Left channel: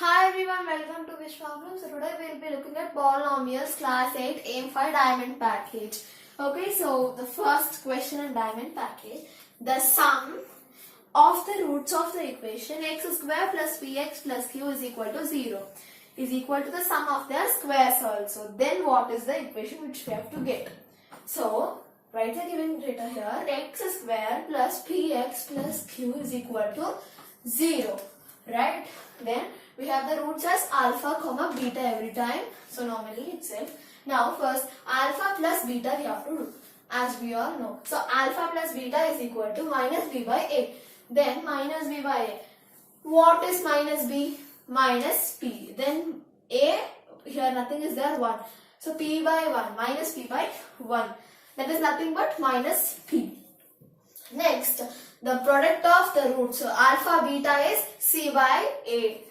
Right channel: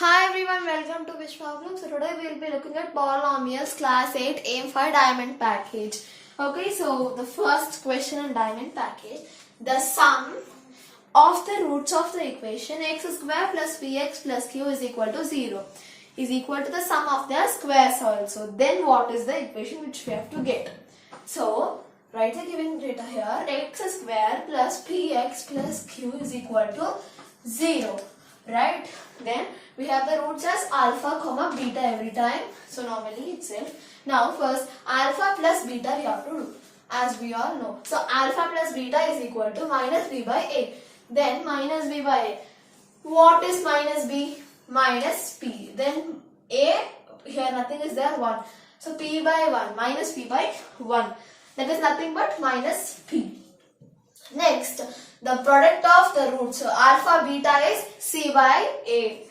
Hi everyone, welcome to Vishwablooms. So today we will be looking at Polynomials class 8 aim for diamond package. Okay, so the first question in diamond package, the sum of the roots of the equation x square plus px plus q is equal to 0 is equal to the sum of their squares also. Then what is the equation which we have to get? So write the given data here, x square plus px plus q is equal to 0, right? Then we have the roots as alpha comma beta every time, so normally itself. Now first alpha plus beta we have to do, as we all know. So alpha plus beta is equal to minus b by a. Then minus b by a. What is minus b? Minus p. Then a, here nothing is there, 1. So p by 1 minus p by 1. That is nothing but minus p. Next, the product of the roots. So alpha beta is c by a.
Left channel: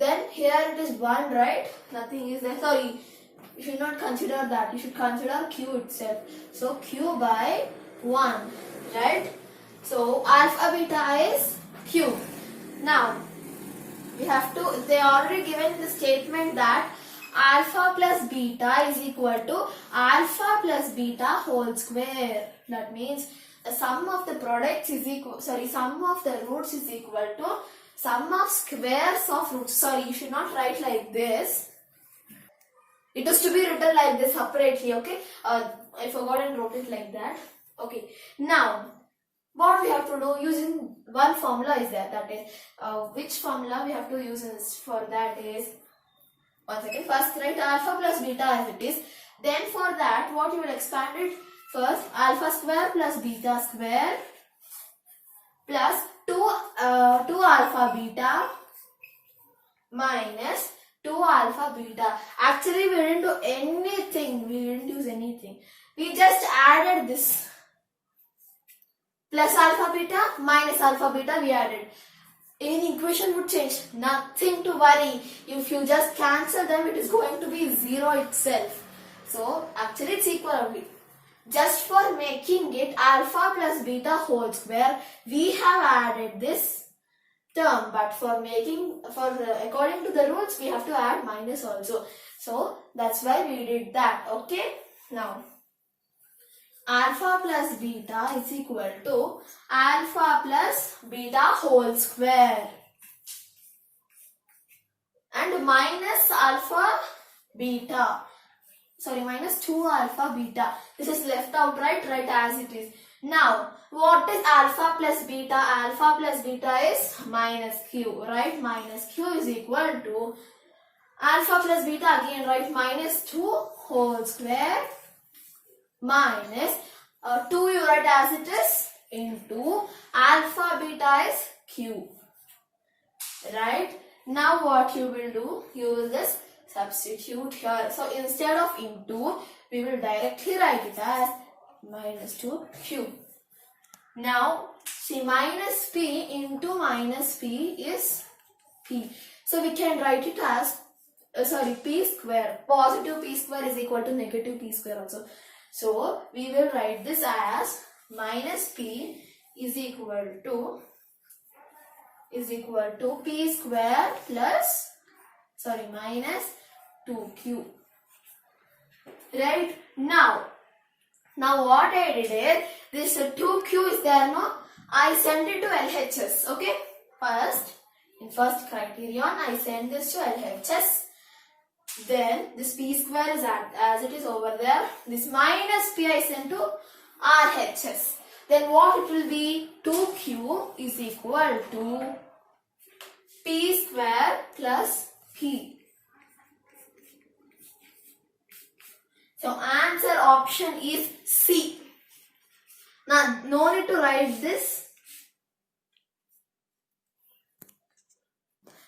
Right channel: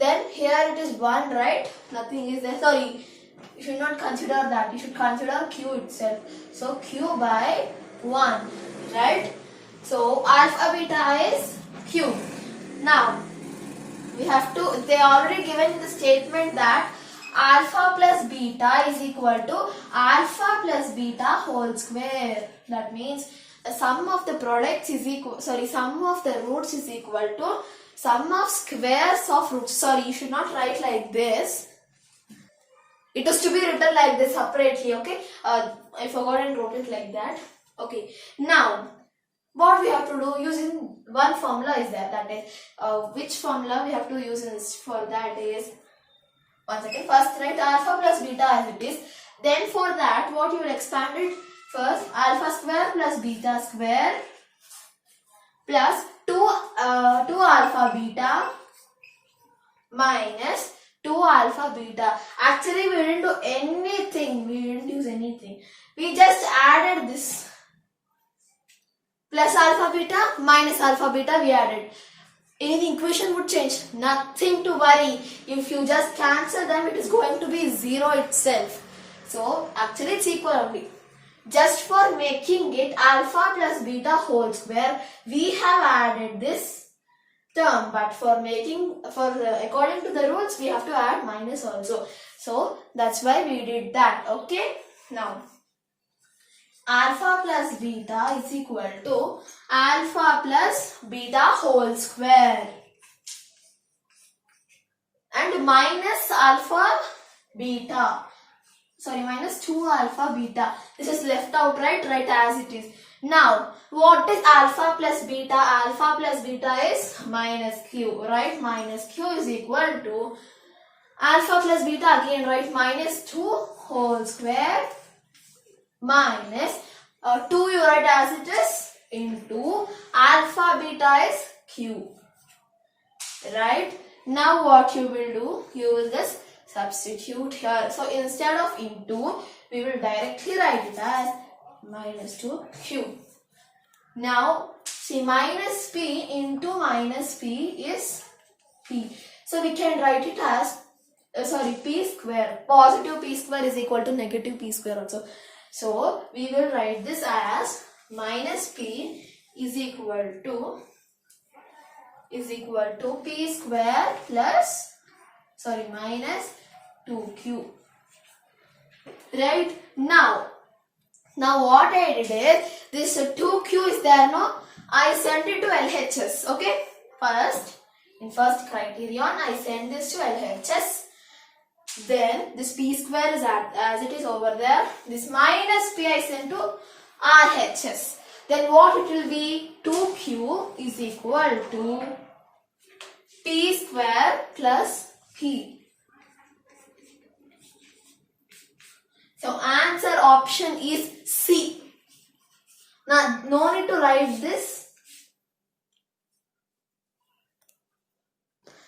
Then here it is 1, right? Nothing is there. Sorry, you should not consider that. You should consider q itself. So q by 1, right? So alpha beta is q. Now we have to, they already given in the statement that alpha plus beta is equal to alpha plus beta whole square. That means the sum of the products is equal, sum of the roots is equal to sum of squares of roots. Sorry, you should not write like this. It is to be written like this separately, okay? I forgot and wrote it like that. Okay. Now, what we have to do using one formula is there. That is, which formula we have to use for that is, one second. First, write alpha plus beta as it is. Then for that, what you will expand it? First, alpha square plus beta square plus 2 alpha beta minus 2 alpha beta. Actually, we didn't do anything. We didn't use anything. We just added this. Plus alpha beta minus alpha beta we added. Any equation would change. Nothing to worry. If you just cancel them, it is going to be 0 itself. So, actually it's equal only. Just for making it alpha plus beta whole square, we have added this term. But for making, according to the rules, we have to add minus also. So, that's why we did that. Okay. Now, alpha plus beta is equal to alpha plus beta whole square and minus alpha beta, minus 2 alpha beta. This is left out, right as it is. Now what is alpha plus beta? Alpha plus beta is minus q, right? Minus q is equal to alpha plus beta, again write minus 2 whole square minus 2 you write as it is into alpha beta is q, right? Now what you will do, you will just substitute here. So instead of into, we will directly write it as minus 2q. Now see, minus p into minus p is p. So we can write it as p square. Positive p square is equal to negative p square also. So we will write this as minus p is equal to p square plus minus 2q. Right? Now what I did is, this 2q is there, no? I send it to LHS. Okay? First, in first criterion, I send this to LHS. Then this p square is as it is over there. This minus p I send to RHS. Then what it will be? 2q is equal to p square plus p. So answer option is C. Now no need to write this.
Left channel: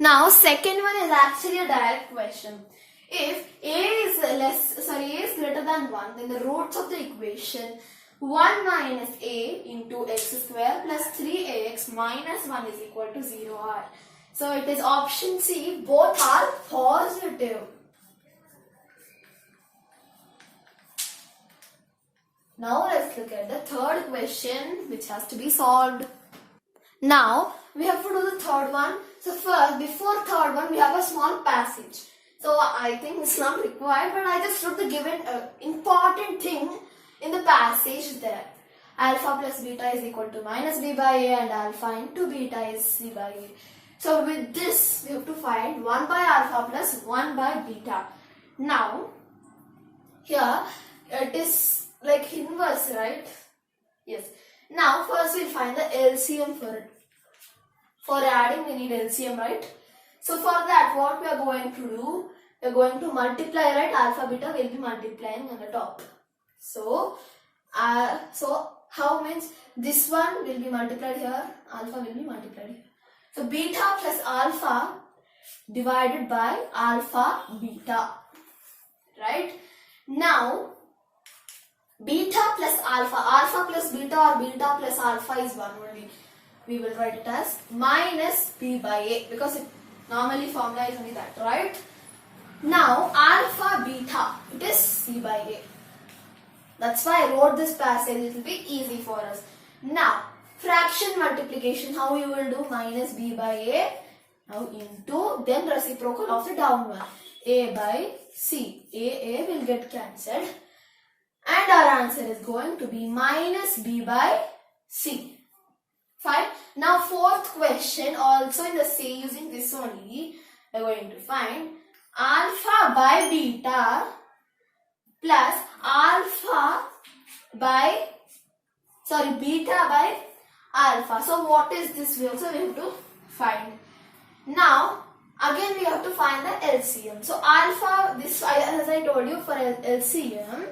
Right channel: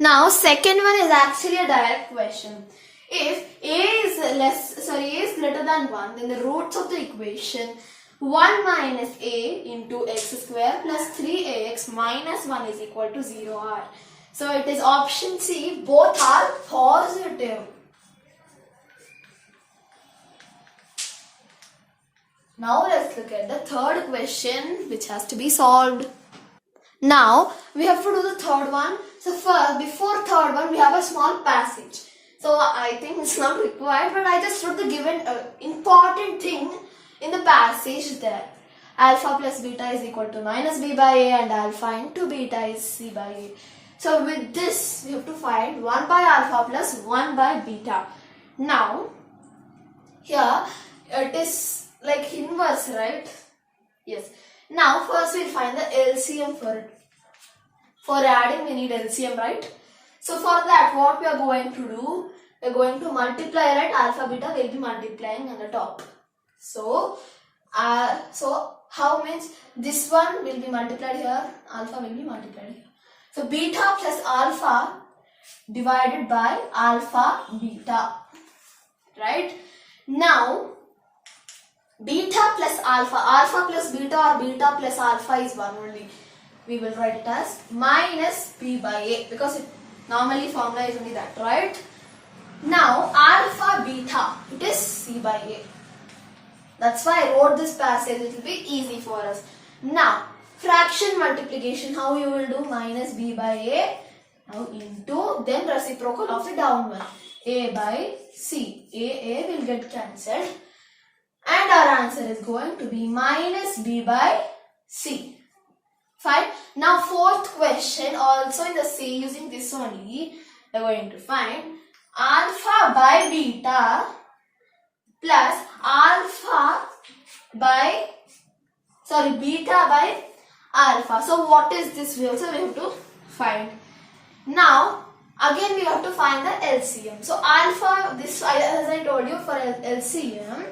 Now second one is actually a direct question. If a is greater than 1, then the roots of the equation 1 minus a into x square plus 3ax minus 1 is equal to 0 are. So it is option C, both are positive. Now let's look at the third question which has to be solved. Now we have to do the third one. So first, before third one, we have a small passage. So I think it's not required, but I just wrote the given important thing in the passage there. Alpha plus beta is equal to minus b by a, and alpha into beta is c by a. So with this, we have to find 1 by alpha plus 1 by beta. Now, here it is like inverse, right? Yes. Now first we'll find the LCM for it. For adding we need LCM, right? So for that, what we are going to do, we are going to multiply, right? Alpha beta will be multiplying on the top. So how means this one will be multiplied here, alpha will be multiplied here. So beta plus alpha divided by alpha beta, right? Now beta plus alpha, alpha plus beta or beta plus alpha is one only. We will write it as minus b by a, because it normally formula is only that, right? Now alpha beta, it is c by a. That's why I wrote this passage, it will be easy for us. Now fraction multiplication, how you will do? Minus b by a, now into, then reciprocal of the down one, a by c. A will get cancelled, and our answer is going to be minus b by c. Fine. Now fourth question, also in the C, using this only, we are going to find alpha by beta plus alpha by, beta by alpha. So what is this? We also have to find. Now again we have to find the LCM. So alpha, this as I told you, for LCM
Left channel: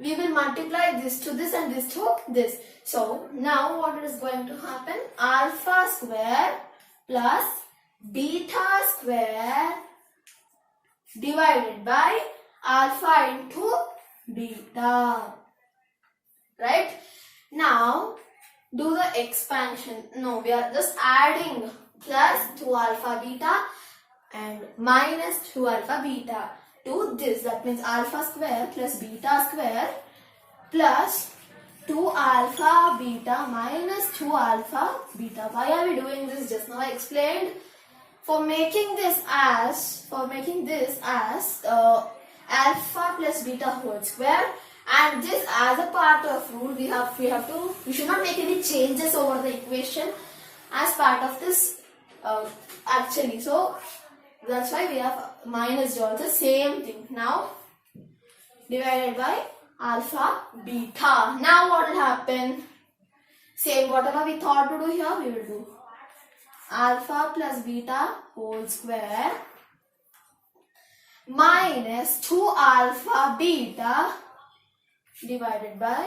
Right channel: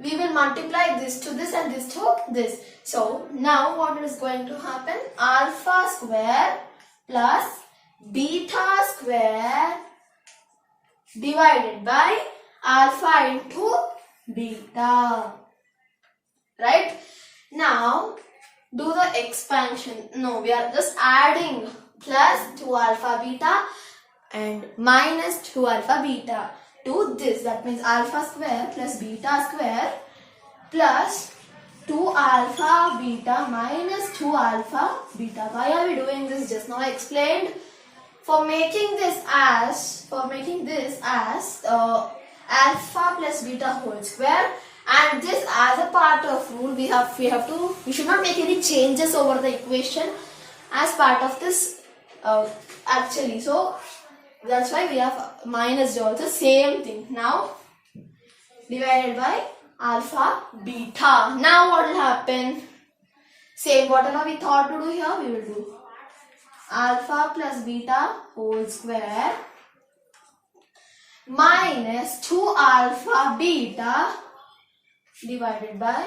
we will multiply this to this and this to this. So now what is going to happen? Alpha square plus beta square divided by alpha into beta. Right? Now do the expansion. No, we are just adding plus 2 alpha beta and minus 2 alpha beta to this. That means alpha square plus beta square plus 2 alpha beta minus 2 alpha beta. Why are we doing this? Just now I explained. For making this as alpha plus beta whole square, and this as a part of rule, we should not make any changes over the equation as part of this actually. So that's why we have minus also, same thing. Now divided by alpha beta. Now what will happen? Same, whatever we thought to do here, we will do. Alpha plus beta whole square minus 2 alpha beta divided by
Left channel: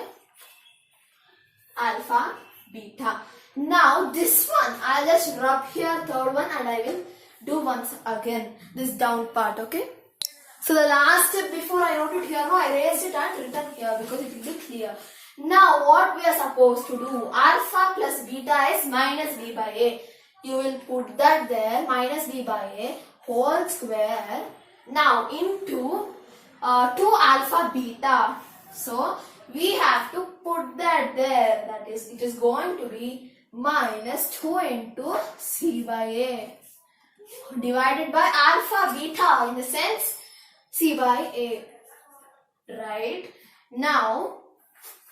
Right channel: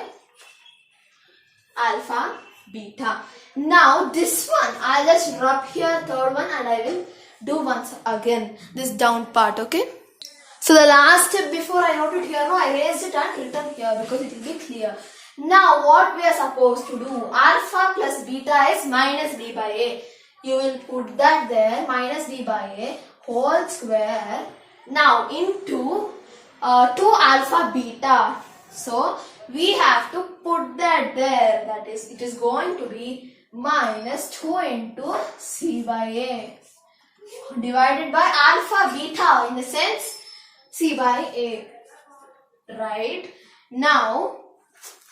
alpha beta. Now this one, I'll just rub here third one, and I will do once again this down part, okay? So the last step before I wrote it here, no, I raised it and written here because it will be clear. Now what we are supposed to do? Alpha plus beta is minus b by a. You will put that there, minus b by a whole square. Now into 2 alpha beta. So we have to put that there. That is, it is going to be minus 2 into c by a divided by alpha beta, in the sense c by a. Right? Now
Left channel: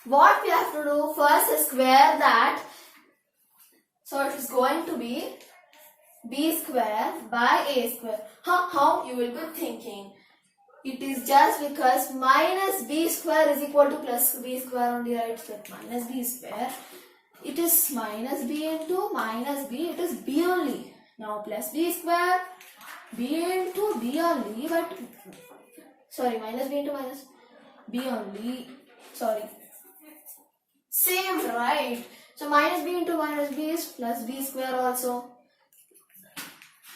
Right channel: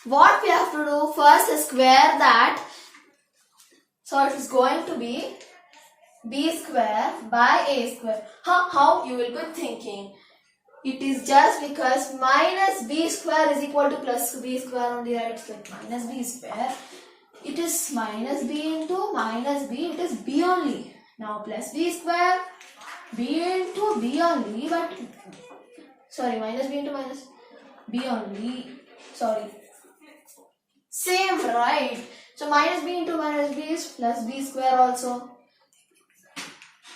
what we have to do? First square that. So it is going to be b square by a square. How you will be thinking? It is just because minus b square is equal to plus b square only. It's like minus b square. It is minus b into minus b. It is b only. Now plus b square, b into b only. But minus b into minus b only. Same, right? So minus b into minus b is plus b square also.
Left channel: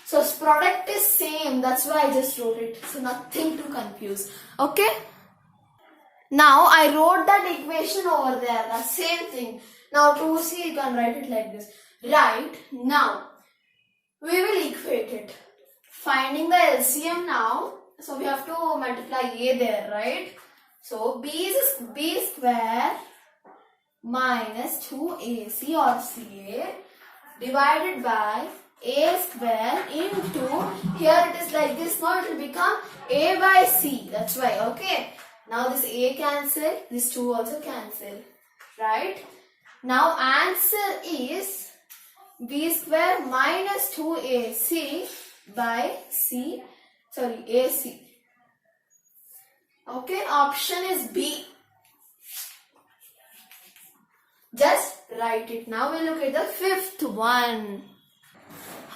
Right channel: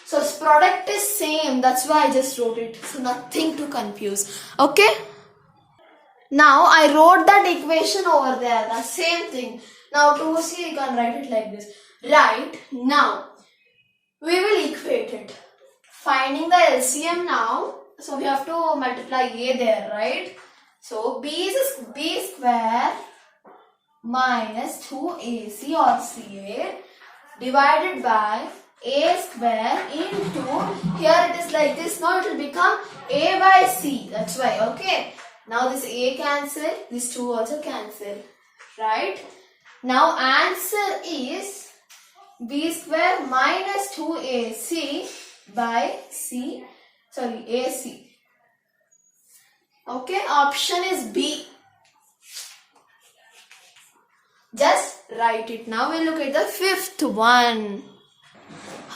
So its product is same. That's why I just wrote it. So nothing to confuse. Okay. Now I wrote that equation over there. The same thing. Now to see, you can write it like this. Right. Now we will equate it. Finding the LCM now. So we have to multiply a there, right? So b is b square minus 2ac or ca divided by a square into, here it is like this, now it will become a by c, that's why, okay. Now this a cancel, this 2 also cancel, right? Now answer is b square minus 2ac by ac. Okay, option is B. Just write it. Now we'll look at the fifth one.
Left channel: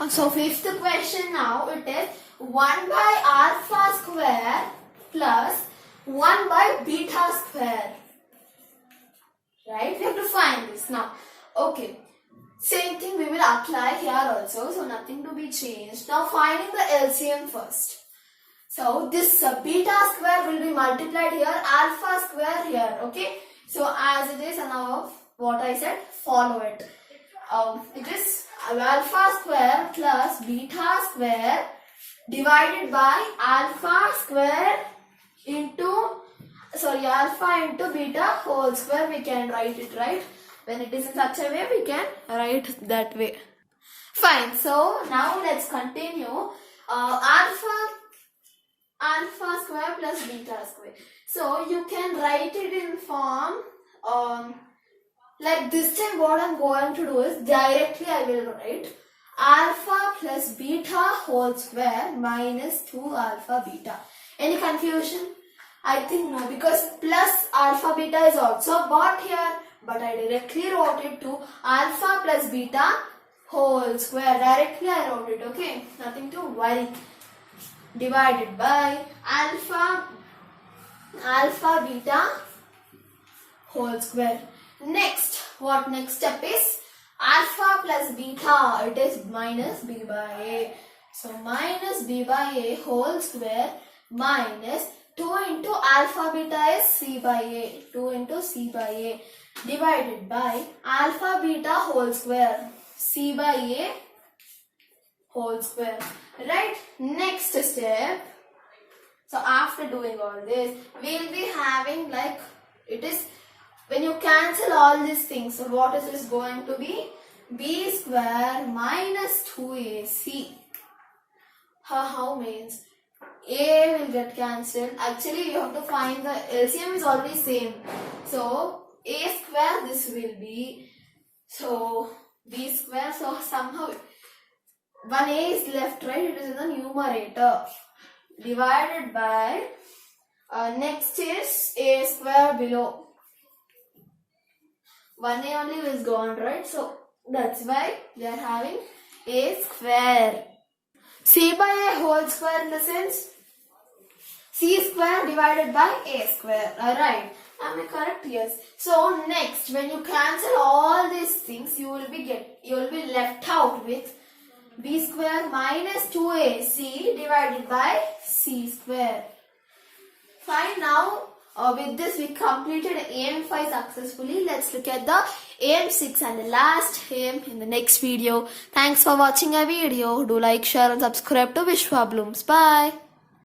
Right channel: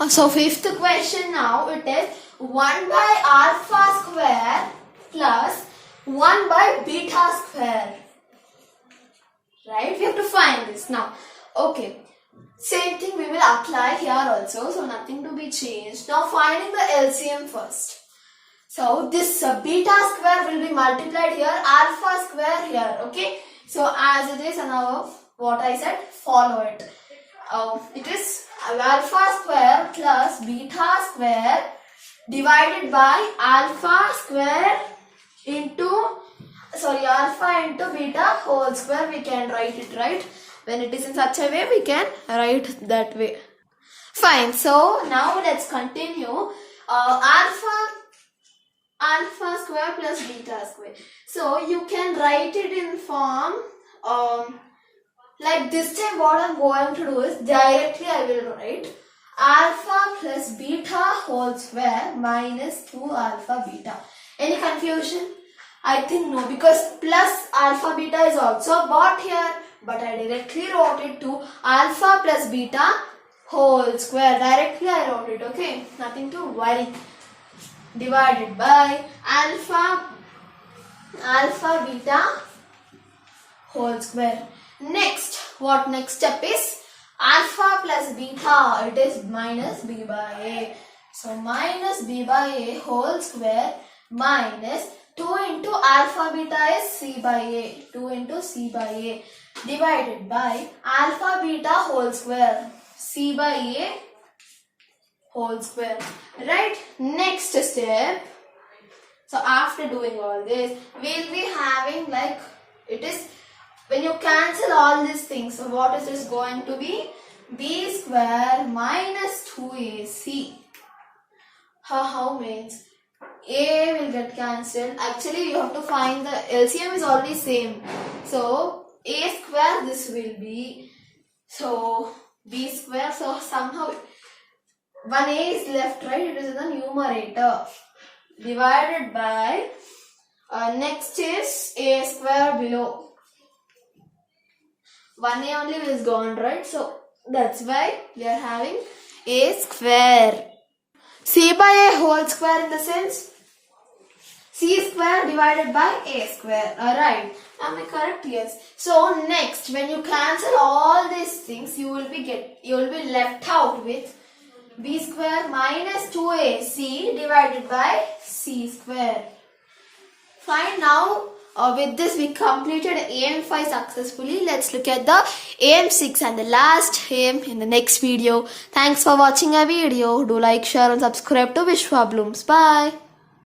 So fifth question now, it is 1 by alpha square plus 1 by beta square. Right? We have to find this now. Okay. Same thing we will apply here also. So nothing to be changed. Now finding the LCM first. So this beta square will be multiplied here, alpha square here. Okay. So as it is, now what I said, follow it. It is alpha square plus beta square divided by alpha square into, alpha into beta whole square. We can write it, right? When it is in such a way, we can write that way. Fine. So now let's continue. Alpha square plus beta square. So you can write it in form like this time. What I'm going to do is directly I will write alpha plus beta whole square minus 2 alpha beta. Any confusion? I think no, because plus alpha beta is also brought here, but I directly wrote it to alpha plus beta whole square. Directly I wrote it, okay? Nothing to worry. Divided by alpha beta whole square. Next, what next step is? Alpha plus beta, it is minus b by a. So minus b by a whole square minus 2 into alpha beta is c by a. 2 into c by a divided by alpha beta whole square. C by a whole square. Right? Next step. So after doing all this, we'll be having like, it is when you cancel all these things. So what is this going to be? B square minus 2ac. How means? A will get cancelled. Actually, you have to find the LCM is already same. So a square this will be. So b square. So somehow 1a is left, right? It is in the numerator. Divided by next is a square below. 1a only is gone, right? So that's why we are having a square. C by a whole square in the sense c square divided by a square. Alright. Am I correct? Yes. So next, when you cancel all these things, you will be left out with b square minus 2ac divided by c square. Fine. Now with this we completed AM5 successfully. Let's look at the AM6 and the last AM in the next video. Thanks for watching our video. Do like, share and subscribe to Vishwablooms. Bye.